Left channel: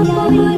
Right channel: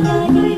You.